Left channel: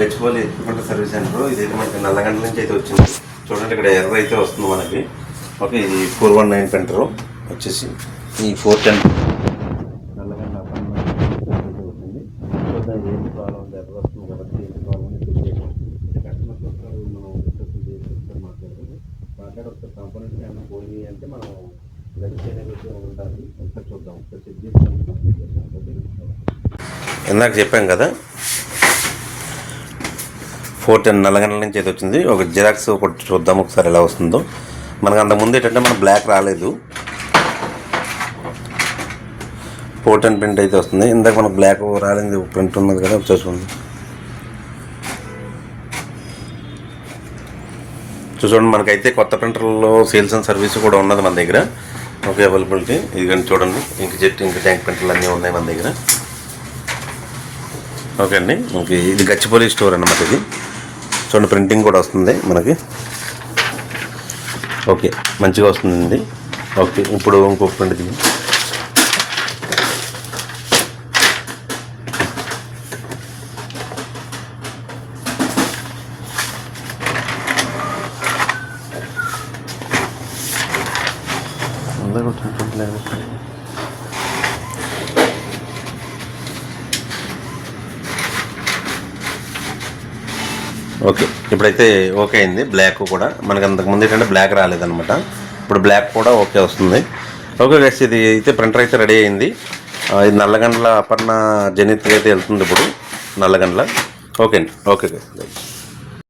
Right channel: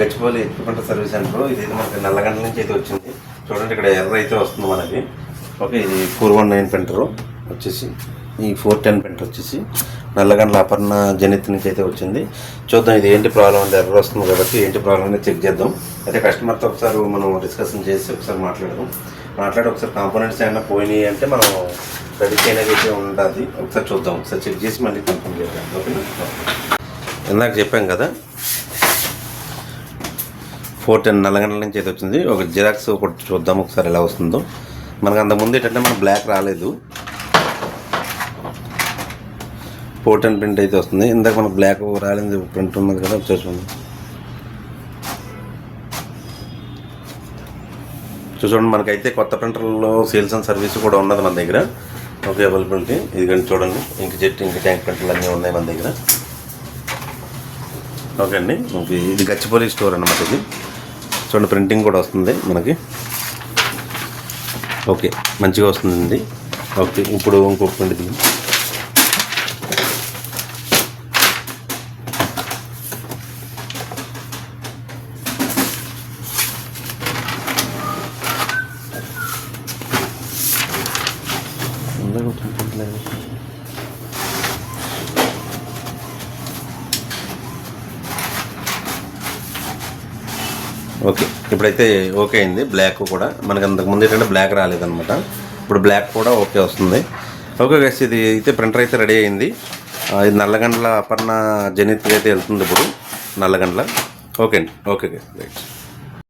Gachipalli ఎత్తుకుంట service centre. ఇదైతే మనకి నల్లగండ్ల నుంచి అయితే వచ్చింది. చూడండి ఇక్కడ ఎర్ర అయితే వస్తుంది మనకి. ఓకే, ఇది 419 సెంటరు వచ్చేసి, ఈ 410 వచ్చేసి నల్లగండ్ల అపర్ణ జనిత్ నుంచి అయితే వచ్చింది. చూద్దాం ఇది ఏంటి ప్రాబ్లం అంటే, ఎర్ర వస్తుంది కాబట్టి ఏంటి ప్రాబ్లం అనేది చెక్ చేద్దాం. అయితే కస్టమర్తో ఒకసారి మనం డిస్కషన్ చేసి ఒకసారి మాట్లాడి ఒకసారి కాంపోనెంట్స్ ఏమైనా పోయినాయి అంటే మనం రెడీ చేయడానికి అయితే ఉంటుంది. ఒకసారి చూద్దాం, ఒకసారి చెక్ చేసి మళ్ళీ కన్ఫర్మ్ చేద్దాం. ఓకేనా, ఇందాక చెప్పాం కదా 410 నల్లగండ్ల నుంచి అయితే వచ్చింది. ఒక జిరాక్స్ ఒకటి చూద్దాం ఒకసారి ఎలా వస్తుందో. మనకు అంతకుముందు ఏంటంటే మన బ్లాక్ రాలేదు, 410 ప్రింట్ అయితే వస్తుంది. ఇందాక మనకు బ్లాక్ రాలేదు, ప్రింట్ ఉన్నది కదా ఒకసారి చూడండి. మనకైతే కొత్త ప్రింటర్లో సేల్స్ అండ్ సర్వీస్ కూడా ఉన్నది మన దగ్గర. ఓకే, అవైలబిలిటీ ఇది కానీ చూడండి. ఇంక జెట్ ఇంక ట్యాంక్ ప్రింటర్లు అన్నీ ఉన్నాయి మన దగ్గర. ఓకే అండి, ఓకే ఇది గచ్చిపల్లి స్టోర్ అన్నమాట. ఇది చూడండి, ప్రింటింగ్ కూడా వస్తుంది మనకి. ఓకే, మంచిగా వస్తుందండి. ఓకే, ఇప్పుడు ఇంకొక ప్రింట్ దిగి ఓకే, ఇప్పుడైతే ఓకే అయింది. బ్లాక్ కూడా మనకి అంతకుముందు ఏంటంటే బ్లాక్ రాలేదనమాట, ఇప్పుడు బ్లాక్ కూడా ఓకే వస్తుంది. ఓకే గైస్, ఇది అయితే ప్రింటర్ అయితే రెడీ అయింది. ఇది నల్లగండ్ల అపర్ణ జనిత్ అయితే వెళ్తుంది ఇప్పుడు నల్లగండ్ల. ఓకే అండి, ఓకే గైస్.